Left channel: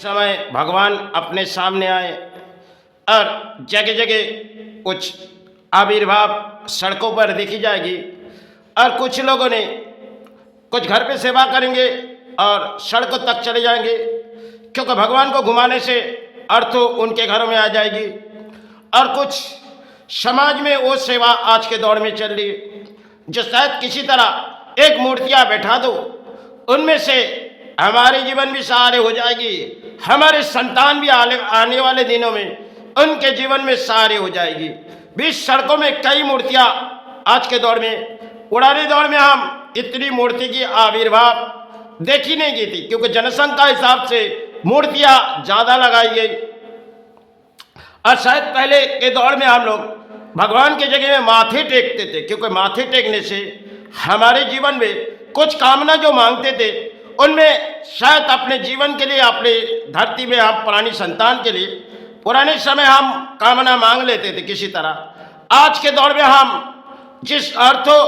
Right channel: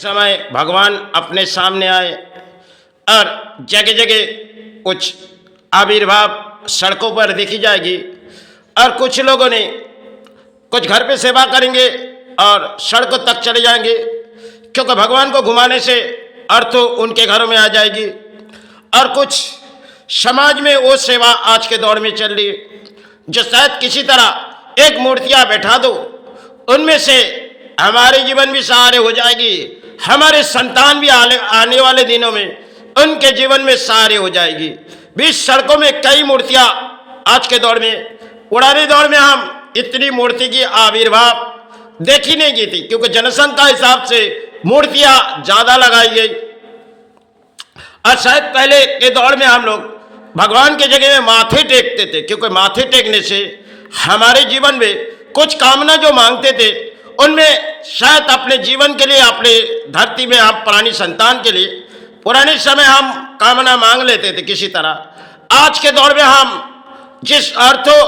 समय भगवान अपने सामने आए और जगह जगह कुछ आविर्भाव सड़कों पर देखी जाएगी और कुछ लोगों ने कुछ घर पे सेवा करेंगे और सड़कों तक चले जाएंगे, क्योंकि भगवान को घुमाने से अर्थ उनके घरों में आ जाएगी। और कुछ समाज में वो सेवा आज के दौर में चल रही है जो शायद किसी तरह एक मूर्तियाँ बैठा दो, उनमें से हमारे जीवन भी सहारे हो जाएगी, हमारे संतान भी आने वाले दिनों में उनके जीवन में सहारे हो जाएगी। बीच सड़कों में कई मूर्तियां आज के दौर में, पुराने दौर में हम इतनी मूर्ति की आविर्भाव देखी नहीं गई थी, क्योंकि जनसंख्या हिसाब से मूर्तियां ज्यादा लगाई गई। और शायद पहले के दौर में हम लोग भगवान के जगह में माथे टेकते थे, क्योंकि माथे टेकने से हमारे जीवन में कुछ कामना जो मांगते थे उनमें शायद अपने जीवन के लिए, अपने धरती में हम पुरानी संतान के लिए पुराने समय हम कामना मांग लेते थे किसी तरह। आज के दौर में हम जिस अर्थों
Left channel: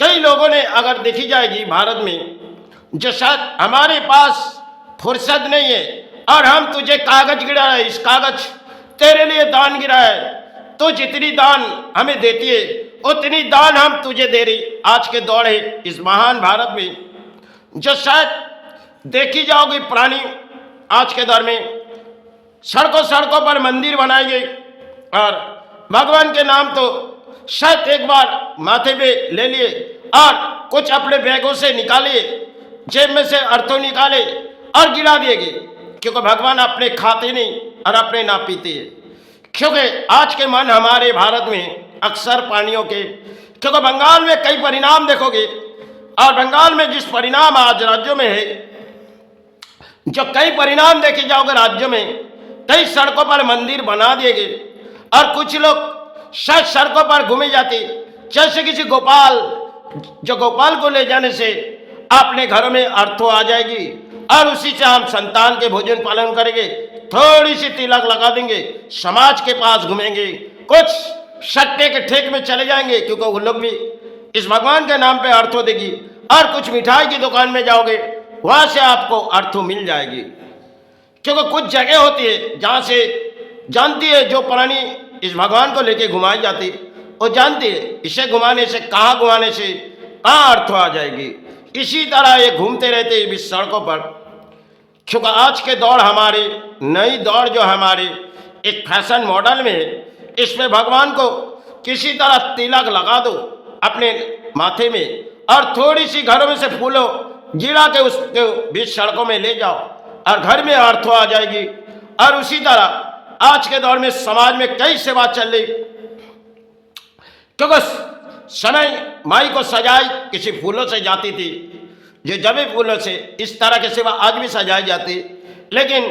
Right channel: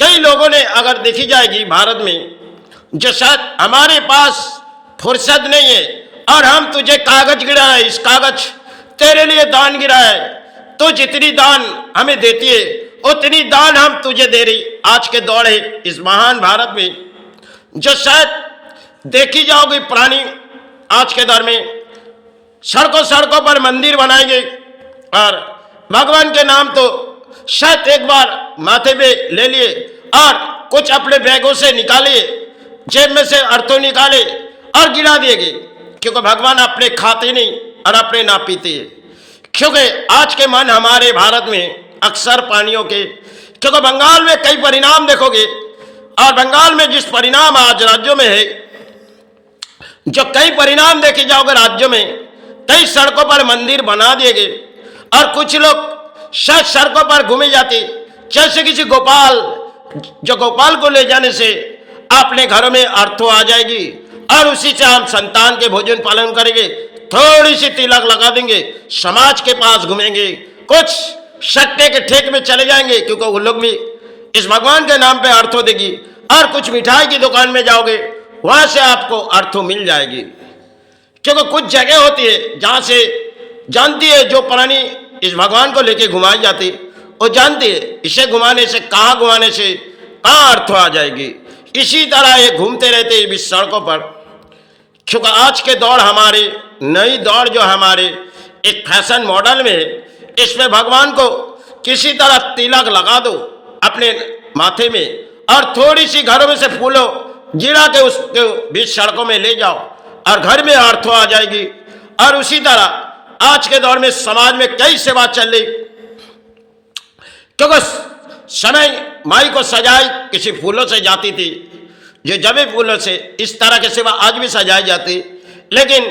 कई लोगों ने अगर देखी जाएगी भारत में, जो शायद हमारे पास फुर्सत नहीं है और हम तुझे कागज गिरा है, इस कागज तेरे लिए दान गिरा है, तो जितनी दान हमें देती है उतनी दान हम तुझे दे रही। आज के दौर है इस महान भारत में जो शायद देखी जाओगी पुरानी, आज के दौर में सड़कों सड़कों पर मंदिर बनाए गए और भगवान के नाम तो शायद एक बार माथे पे ले लिए और कुछ अपने बैगों से निकाले, जेब में से अर्थों निकाले और गिरा दिए गए, क्योंकि भगवान अपने खाते नहीं और अपने ना पीते हैं। क्योंकि आज के मन हमारे भारत में अक्सर पानियों के, क्योंकि बंगाल में कई परिणाम देखोगे और बंगाल में जिस परिणाम आज राज्यों में है, जो कई परिणाम देखे जाओगे राज्यों में, कई सड़कों पर मंदिर बना दिए गए और कुछ लोग शायद सड़कों पर घूमे जाते, जैसे किसी गोपाल, जो गोपाल को ले जाने से अपने घरों में अर्थों आ जाएगी और उसी से हम संतान के भोजन पालन करेंगे, थोड़ी सी तिलक लगा देंगे, समाज के पास घूमेंगे, कुछ सट्टे के ठेक में चले जाएंगे, क्योंकि वो लोग भी इस भगवान के नाम पे अर्थों देगी। और कुछ मिठाई की दुकान में जाओगे, वहां से आपको अर्थों मिल जाएगी, क्योंकि कुछ जगह होती है जहां से जानती है जो पुरानी इस भगवान को लेके घुमाई जाती, वो जानती है इसे घुमाने से, कहाँ घुमाने से कहाँ अर्थों आ जाएगी। इसी तरह ये घूमते रहते हैं इस सड़कों पर, क्योंकि आज के दौर हमारे नई दौर जो हमारे एक फैशन मॉडल में है, इसमें भगवान को किसी तरह तिलक लगा दो अपने माथे में और थोड़ी सी घरों में से फूलों गिरा के उसके बीच सड़कों में ले जाओ और घर में अर्थों आ जाएगी। और उसी तरह आज के दौर में समाज में कई सेवा चल रही, क्योंकि समय माई को सजाई किसी फूलों से जाती थी, जो जबे फूलों से, इस तरह की सेवा आज भी सजाई जाती। लेकिन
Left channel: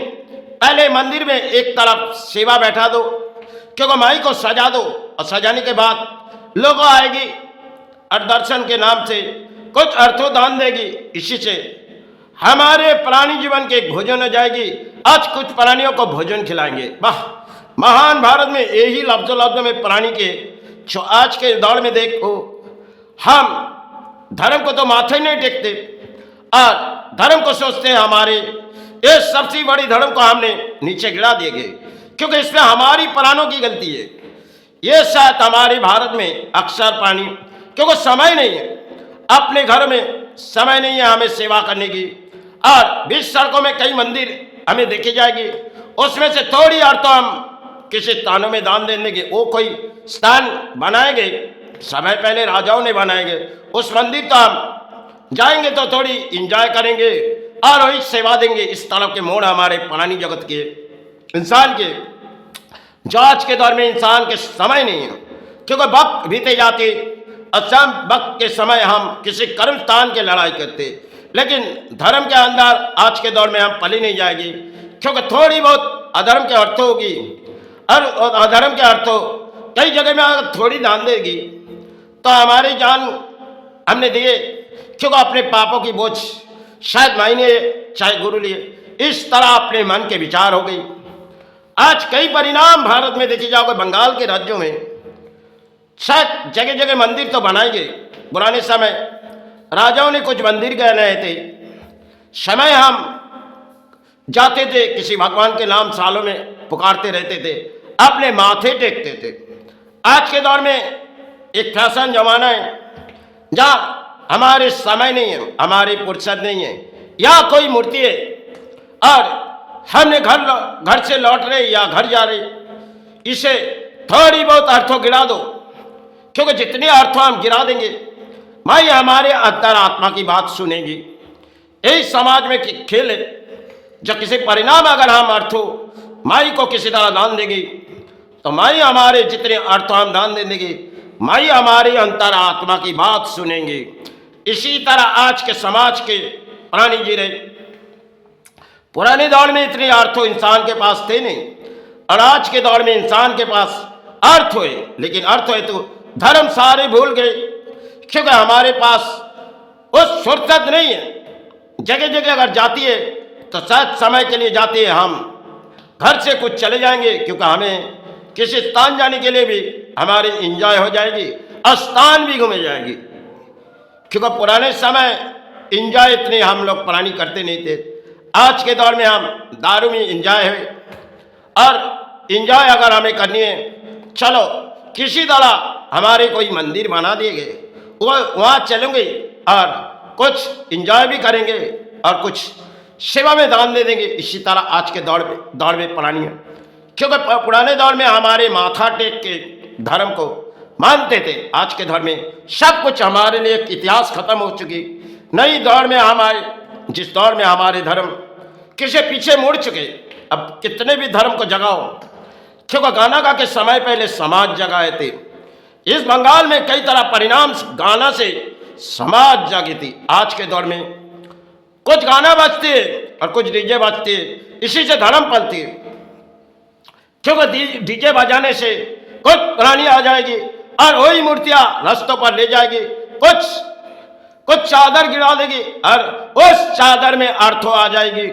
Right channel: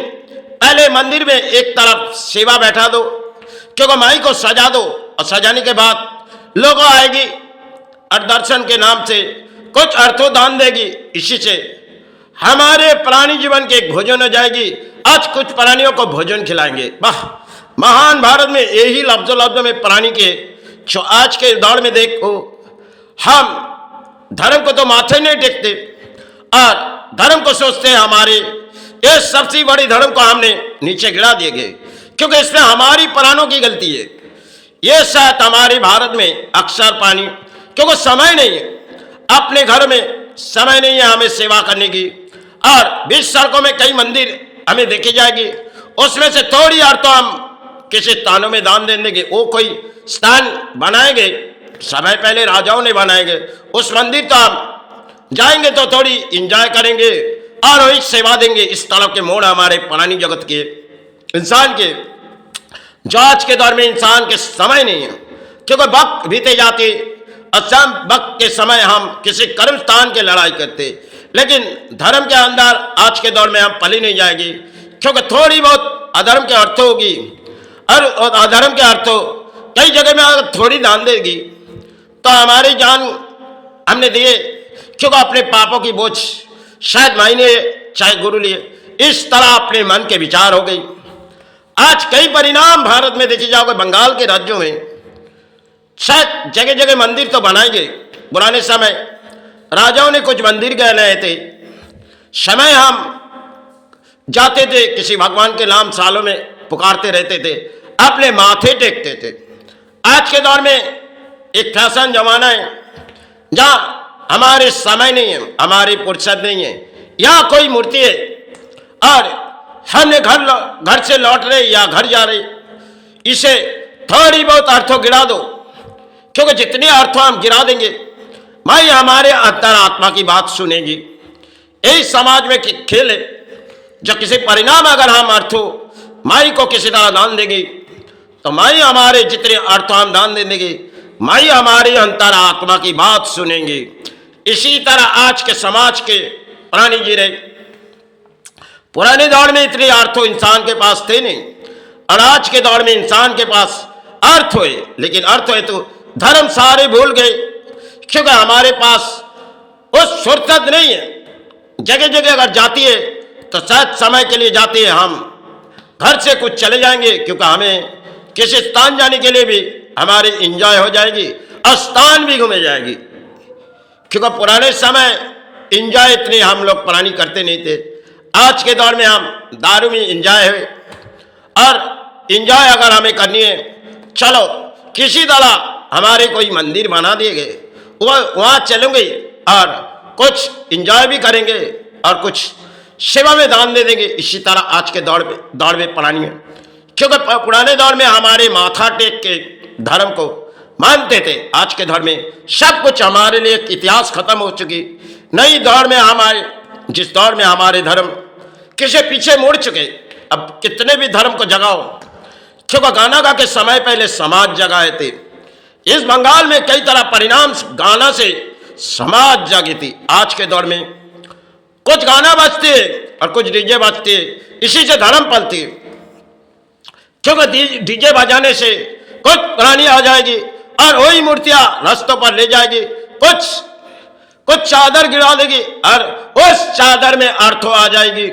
पहले मंदिर में एक तरफ सेवा बैठा दो, क्योंकि माई को सजा दो और सजाने के बाद लोग आएगी और दर्शन के नाम से कुछ अर्थों दान देगी, इसी से हमारे प्राणी जीवन के एक भोजन हो जाएगी। आज कुछ प्राणियों को भोजन खिलाएंगे। वाह, महान भारत में यही लफ्जों में प्राणी के, जो आज के दौर में देखो हम धर्म को तो माथे नहीं टेकते और धर्म को सोचते हैं हमारे ये सबसे बड़ी धर्म को हमने नीचे गिरा दिए गए, क्योंकि इसमें हमारी प्राणों की गलती है। ये शायद हमारे भारत में अक्सर पानी, क्योंकि समय नहीं है, अपने घर में समय नहीं है हमें सेवा करने की, और बीच सड़कों में कई मंदिर हमें देखी जाएगी, उसमें से थोड़ी अर्थों हम किसी स्थानों में दान देने के, वो कोई स्थान बनाएंगे, समय पहले राजाओं ने बनाएंगे, उस मंदिर तो हम जाएंगे तो थोड़ी इंजॉय करेंगे और वही सेवा देंगे। इस तरह के मोड़ हमारे पुरानी जगत के इंसान के, जो आज के दौर में इंसान के समय नहीं है, क्योंकि वक्त बीते जाते असम वक्त के समय हम किसी कर्म स्थान की लड़ाई करते, लेकिन धर्म के अंदर आज के दौर में हम पली नहीं जाएगी, क्योंकि थोड़ी बहुत अधर्म के अर्थों होगी और अधर्म के अर्थों कई जगह में अगर थोड़ी दान देगी तो हमारी जान हमने दिए, क्योंकि अपने पापों की बोझ शायद मायने चाहे गुरु लिए, इस तरह अपने मन के विचार हो गई। आज कई परिणाम भारत में देखी जाओगे, बंगाल के राज्यों में शायद जगह जगह मंदिर तो बनाए गए, पुराने समय राजाओं ने कुछ मंदिर बनाए थे, समय हम जाते थे, किसी भगवान के नाम सालों में पुकारते रहते थे, अपने माथे टेकते थे। आज के दौर में एक फैशन जमाना है जहाँ हमारे समय नहीं है, हमारी फुर्सत नहीं है, या कोई मूर्ति है और हमने घर से लौट रहे या घर जा रहे, इसे थोड़ी बहुत अर्थों गिरा दो, क्योंकि जितने अर्थों हम गिरा देंगे माई हमारे अंतरात्मा की बात सुनेगी। यही समाज में खेल है, जो किसी परिणाम अगर हम अर्थों माई को किसी तरह दान देंगे तो माई हमारे जितने अर्थ हम दान दे देंगे, माई हमारे अंतरात्मा की बात सुनेंगे। इसी तरह आज के समाज के प्राणी जी रहे। पुराने दौर में इतने अर्थ इंसान के पास थे नहीं, और आज के दौर में इंसान के पास अर्थ हुए, लेकिन अर्थ है तो धर्म सारे भूल गए, क्योंकि हमारे पास उस फुर्सत नहीं है। जगह जगह अगर जाती है तो शायद समय के लिए जाती है, हम घर से कुछ चले जाएंगे, क्योंकि हमें किसी स्थान जाने के लिए भी हमारी एंजॉय हो जाएगी और स्थान भी घूमे जाएगी। क्योंकि पुराने समय एंजॉय इतने हम लोग पुरानी करते नहीं थे। आज के दौर में हम दारू में एंजॉय है, और एंजॉय अगर हमें करनी है, चलो किसी तरह हमारे कोई मंदिर बना दिए गए, वहाँ चलेंगे और कुछ एंजॉय भी करेंगे और कुछ सेवा में दान दे देंगे। इसी तरह आज के दौर में पुरानी है, क्योंकि पुराने दौर में हमारे माथा टेक के धर्म को मानते थे। आज के दौर में सब कुछ हमारे लिए इतिहास खत्म हो चुकी। नई दौर में हमारे, जिस दौर में हमारे धर्म किसी पीछे मुड़ चुके, अब कितने भी धर्म को जगाओ, क्योंकि गाना गा के समय पहले समाज जगाए थे। इस बंगाल में कई तरह परिणाम गाना से समाज जागी थी। आज के दौर में कुछ गाना बजते और कुछ डीजे बजते, इसी से धर्म पलती, क्योंकि डीजे बजाने से कुछ पुरानी आ जाएगी और वही मूर्तियां रास्तों पर ले जाएगी, कुछ चादर गिरा देगी और उस चादर में अर्थों आ जाएगी।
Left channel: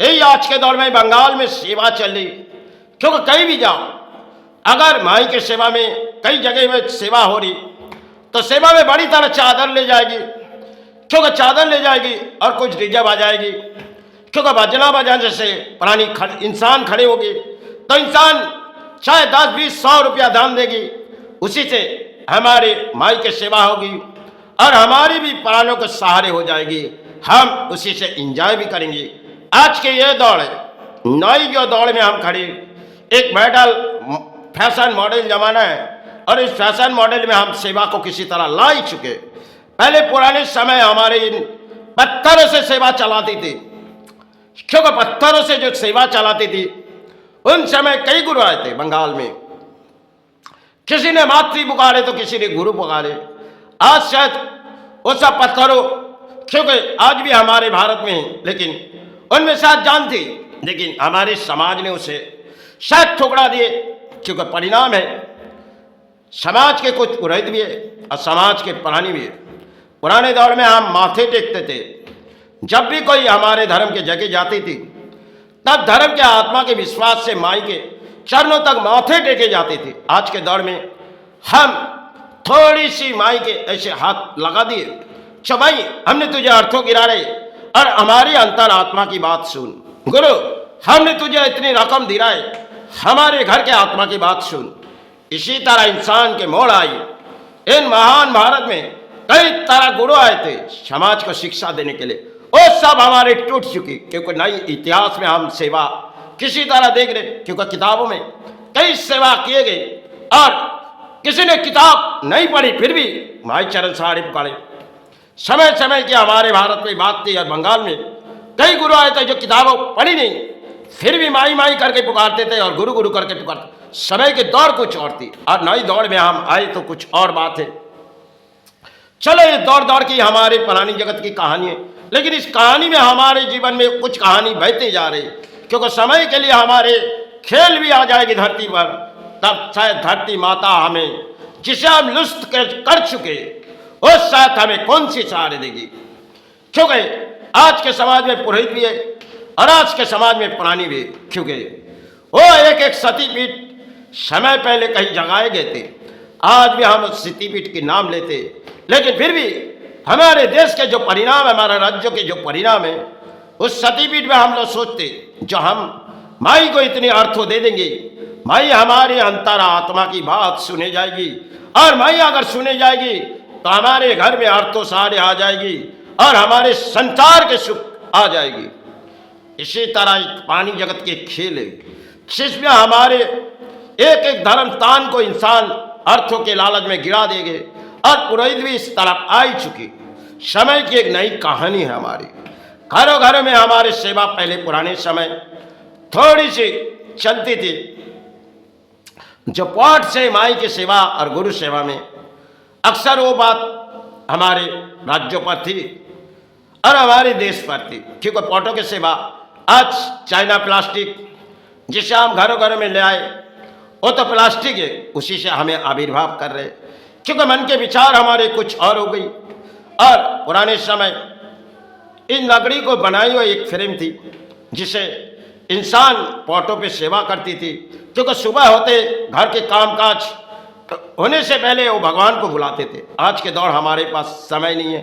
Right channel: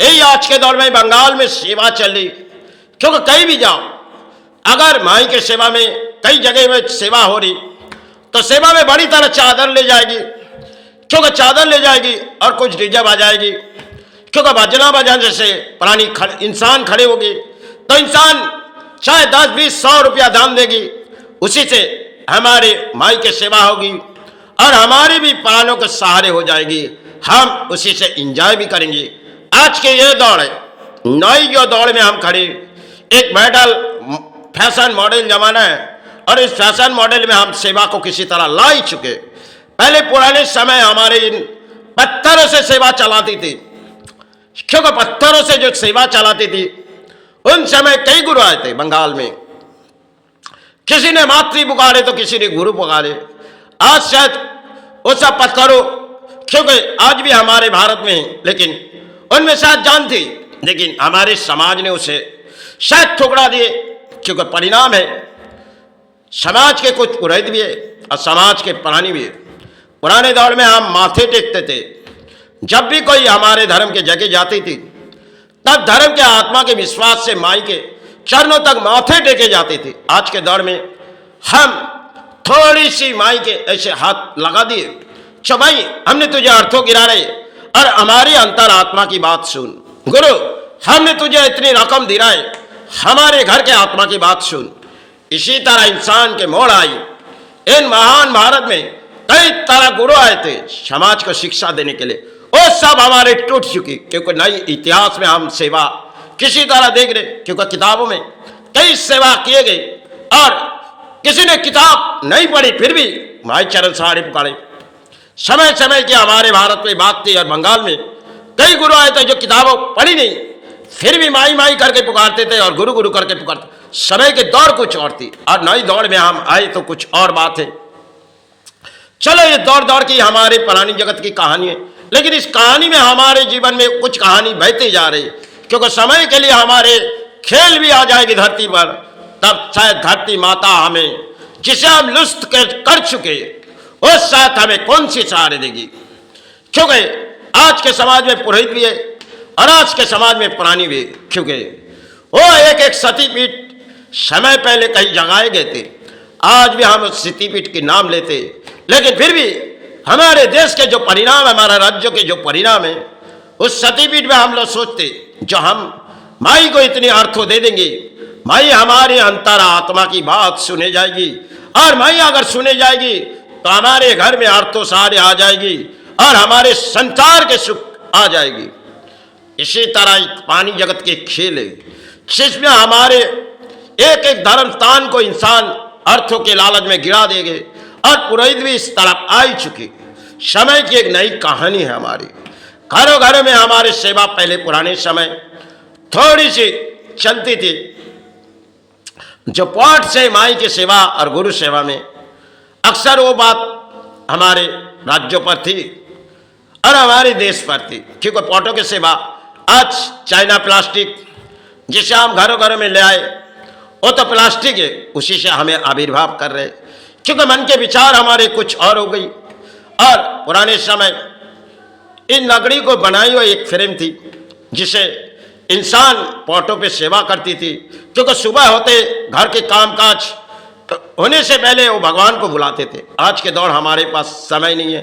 यही आज के दौर में बंगाल में सेवा चल रही, क्योंकि कहीं भी जाओ, अगर माई के सेवा में कई जगह में सेवा हो रही तो सेवा में बड़ी तरह चादर ले जाएगी, क्योंकि चादर ले जाएगी और कुछ डीजे बजाएगी, क्योंकि बजना बजाने से पुरानी इंसान खड़े होगी तो इंसान चाहे 10-20-100 रुपया दान देगी, उसी से हमारे माई के सेवा होगी और हमारी भी प्राणों के सहारे हो जाएगी, हम उसी से एंजॉय भी करेंगे। आज के ये दौड़ है, नई जो दौड़ में हम खड़े, एक मॉडल फैशन मॉडल जमाना है, और इस फैशन मॉडल में हम सेवा को किसी तरह ला ही चुके। पहले पुराने समय हमारे इन पत्थरों से सेवा चलाती थी, क्योंकि पत्थरों से जो सेवा चलाती थी उन समय कई गुरु आए थे बंगाल में। किसी ने मातृ पुकारे तो किसी ने गुरु पुकारे। आज शायद वो सब पत्थरों, क्योंकि आज भी हमारे भारत में है, लेकिन उनमें शायद जान थी, लेकिन हमारे समाज ने उसे शायद ठुकरा दिए, क्योंकि परिणाम है समाज के कुछ पुरोहित भी है और समाज के प्राणी भी है। पुराने दौर में हम माथे टेकते थे, जब भी कोई हमारे धर्म के जगह जाती थी तब धर्म के आत्मा के विश्वास से माई के चरणों तक माथे टेके जाते थे। आज के दौर में हम थोड़ी सी माई के ऐसे हाथ लगा दिए, चो भाई हमने तुझे अर्थों गिरा रहे और हमारी अंतर आत्मा की बात सुन। गुरु हमने तुझे इतनी रकम दिला है, हमारे घर के आत्मा की बात सुन। इसी तरह इंसान के मोड़ आई। इन महान भारत में कई तरह गुरु आए थे समाज को शिक्षा देने के लिए, वो सब हमारे टूट चुकी, क्योंकि नई इतिहास में हम सेवा किसी तरह देख रहे, क्योंकि किताबों में कई सेवा किए गए और किसी ने किताब नहीं पढ़ी फिर भी माई चरण सहारे पुकारे। समय समय की हमारे भारत में बात थी, और बंगाल में कई गुरु आए थे जो किताबों पढ़ी नहीं फिर भी माई माई करके पुकारते थे और गुरु गुरु करके पुकारते। समय के दौर कुछ और थी और नई दौड़ में हम आए तो कुछ और बात है। चलो ये दौड़ दौड़ की हमारे पुरानी जगत की कहानी है, लेकिन इस कहानी में हमारे जीवन में कुछ कहानी बहते जा रही, क्योंकि समय के लिए हमारे खेल भी आ जाएगी धरती पर, तब शायद धरती माता हमें जिसे हम लुत्फ कर चुके उस साथ हमें कौन सी सहारे देगी। क्योंकि आज के समाज में पुरोहित भी है और आज के समाज में प्राणी भी है, क्योंकि वो एक एक सतीपीठ समय पहले कहीं जगाए गए थे। आज भी हम उस सतीपीठ के नाम लेते, लेकिन फिर भी हमारे देश के जो परिणाम, हमारे राज्यों के जो परिणाम है उस सतीपीठ में हम लोग सोचते जो हम माई को इतनी अर्थों दे देंगे, माई हमारे अंतर आत्मा की बात सुने जाएगी, और माई अगर सुने जाएगी तो हमारे घर में अर्थों सारे आ जाएगी और हमारे संसार के सुख आ जाएगी। इसी तरह एक पानी जगत के खेल है जिसमें हमारे एक एक धर्म स्थान को इंसान अर्थों के लालच में गिरा देंगे, और पुरोहित भी इस तरफ आ ही चुके। समय की एक नई कहानी है हमारी। घरों घरों में हमारे सेवा पहले पुराने समय थोड़ी सी चलती थी, जो पाठ से माई की सेवा और गुरु सेवा में अक्सर वो बात हमारे राज्यों पर थी और हमारे देश पर थी, क्योंकि पॉटों की सेवा आज चाइना प्लास्टिक जिसे हम घरों घरों में ले आए वो तो प्लास्टिक है, उसी से हमें आविर्भाव कर रहे, क्योंकि मन के विचार हमारे कुछ और हो गई। और पुराने समय इन लकड़ी को बनाई हुई एक फ्रेम थी जिसे इंसान पॉटों पे सेवा करती थी, क्योंकि सुबह होते घर के कामकाज होने से पहले वो भगवान को बुलाते थे। आज के दौर हमारे पास समय नहीं है,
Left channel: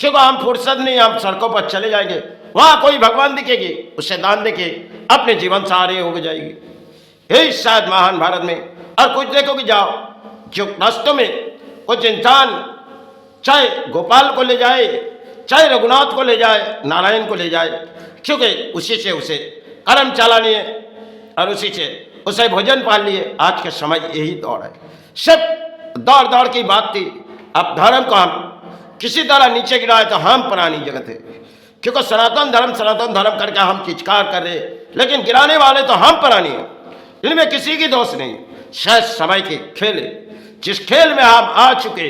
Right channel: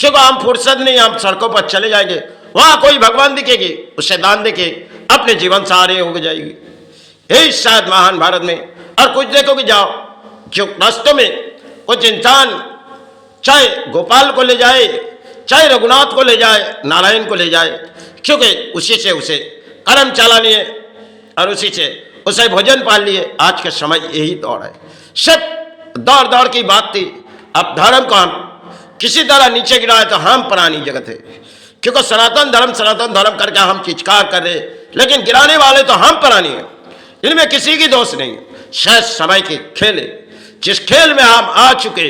क्योंकि हम फुर्सत नहीं, हम सड़कों पर चले जाएंगे, वहाँ कोई भगवान दिखेगी उसे दान देके अपने जीवन सहारे हो जाएगी। यही शायद महान भारत में। और कुछ देखो कि जाओ जो रास्तों में कुछ इंसान चाहे गोपाल को ले जाए, चाहे रघुनाथ को ले जाए, नारायण को ले जाए, क्योंकि उसी से उसे कर्म चलानी है और उसी से उसे भोजन पाल लिए। आज के समय यही दौड़ है, सब दौड़ दौड़ की बात थी। अब धर्म को हम किसी तरह नीचे गिराए तो हम पुरानी जगत है, क्योंकि सनातन धर्म करके हम चिचकार कर रहे, लेकिन गिराने वाले तो हम पुरानी हैं, इनमें किसी की दोष नहीं। शायद समय के खेल जिस खेल में हम आ चुके,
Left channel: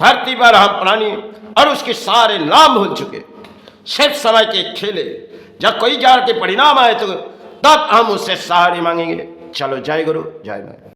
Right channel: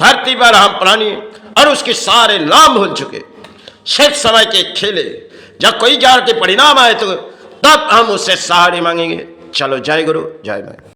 धरती पर हम पुरानी और उसके सारे नाम भूल चुके। शायद समय के खेले जब कोई जार के परिणाम आए तो तब हम उससे सहारे मांगेंगे। चलो, जय गुरु जय माई।